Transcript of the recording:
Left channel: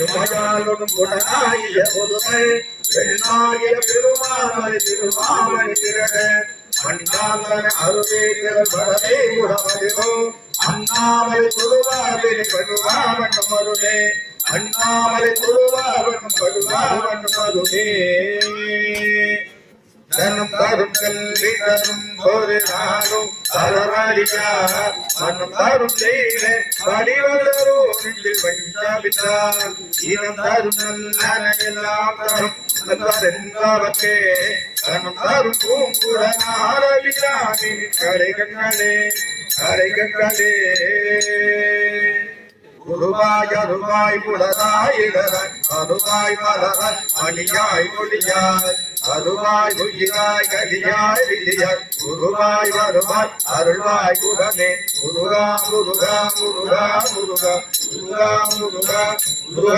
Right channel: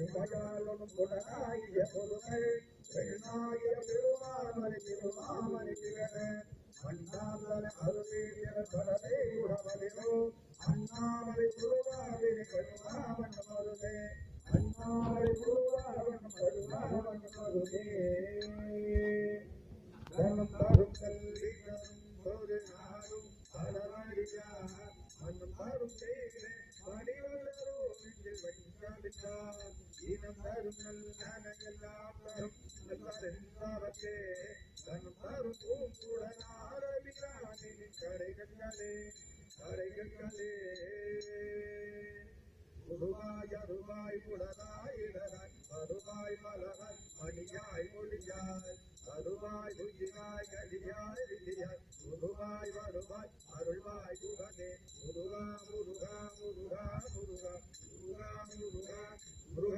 உமையாளும் உடனாகிய பொதுமை பெண்ணாகிய பெருமாமணி திருமாமணி திரட மண்ணாங்கன அருவேகர் பரவே உடமதிரோ அண்ணாமலை குருவாவினை படுவாவன் மருளே அண்ணாமலை குருவாவன் படுவாவன் மருளே தனம் தரும் கல்வி தரும் ஒரு நாளும் தரவழியா மனம் தரும் செய்த படிவளரோ நெஞ்சில் வைத்தாவிட்டார் இனம் தரும் நல்ல எல்லாம் தரும் சென்றாவத்தே தனம் தரும் பூங்குடனாரவியானி கரை கண்ணே கரை கண்ணே குருவாய் அருவாய் புலராய் இடராய் அருவாய் மலராய் மணியாய் மொழியாய் அருவாய் உயிராய் கலியாய் விதியாய் குருவாய் வருவாய் அருள்வாய் குரனே குருகா குருகா குருகா குருகா குருகா குருகா குருகா